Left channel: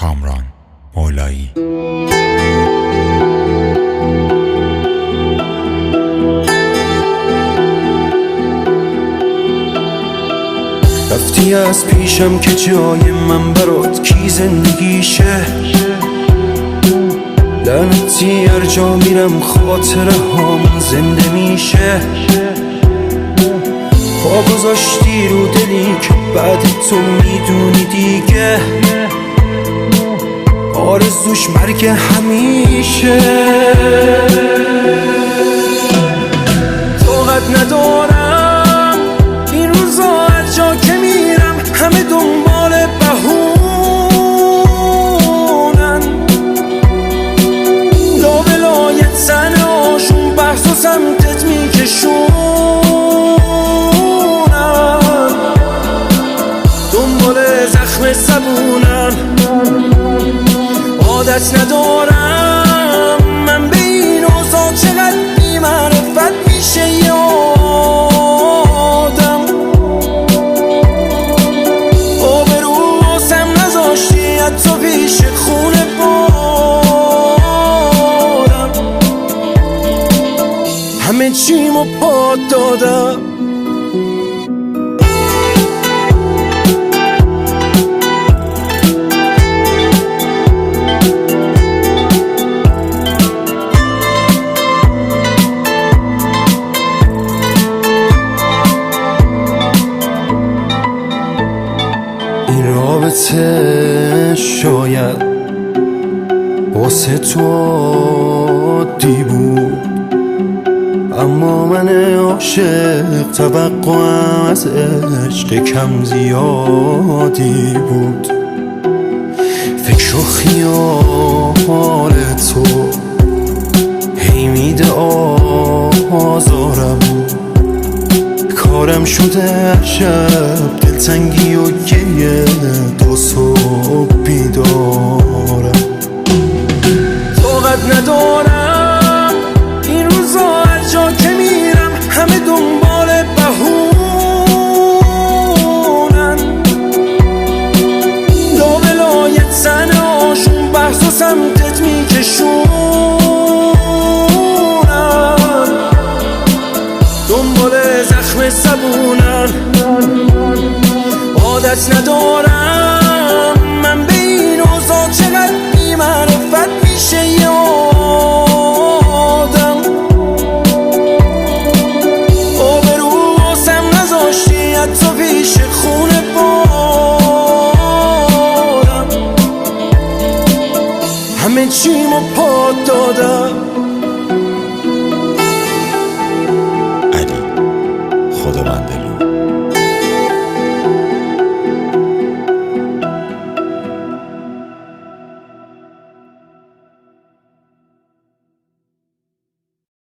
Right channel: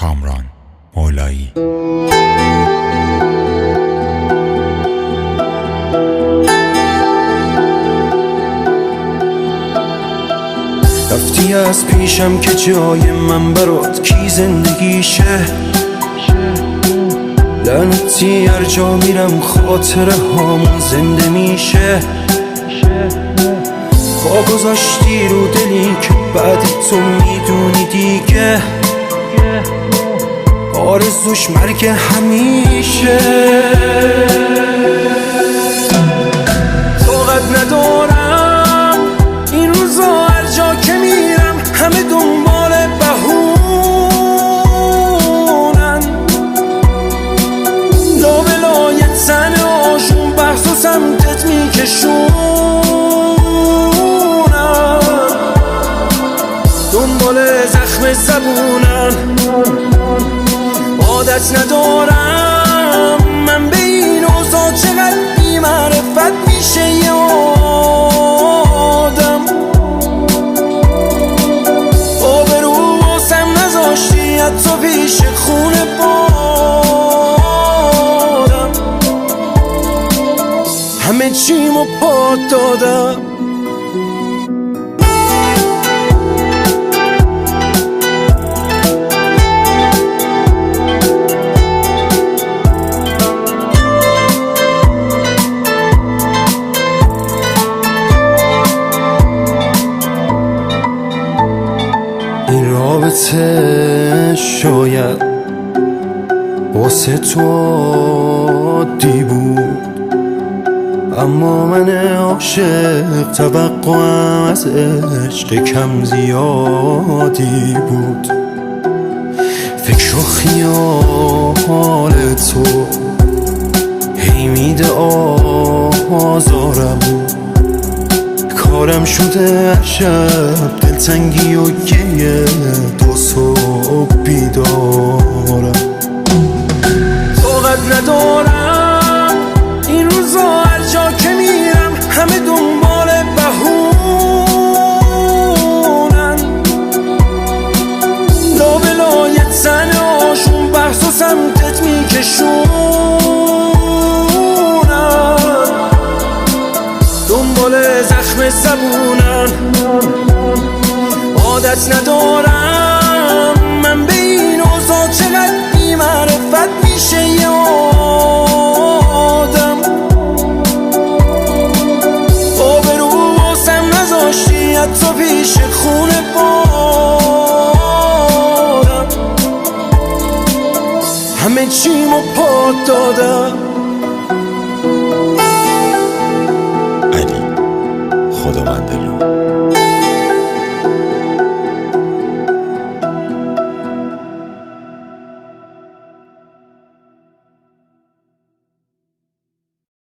کامران مولایی. رفتی از پیشم که جای من برات کی زندگیشه، لعنتی هر جا میرم خاطره هامون زنده میشه. پا گذاشتی رو دلی که بعد تو میدونی دیگه آرزوش مرگ همیشه. طاقت ندارم این روزا هر جا که میرم همه دنبال بهونن، لا ولایت زن آشون بحث و سمتت میکشونن، دنبال زخم زبونن. عادت ندارم من به این اوضاع چقدر بی معرفت میشه یه آدم. آبرو واسم نذاشتی حتی پیش خونه بادم، همه چیمو پات دادم. این رابطه شاید واسه تو عادی بود، اما من عاشق توقعم از عشق کم زیادی بود. فکر و خیال تو هی میده آزارم، کارم شده شب دلتنگی و گریه تا صبح بیدارم. طاقت ندارم این روزا هر جا که میرم همه دنبال بهونن، لا ولایت زن آشون بحث و سمتت میکشونن، دنبال زخم زبونن. عادت ندارم من به این اوضاع چقدر بی معرفت میشه یه آدم. آبرو واسم نذاشتی حتی پیش خونه بادم، همه چیمو پات دادم. علی خداوندلو.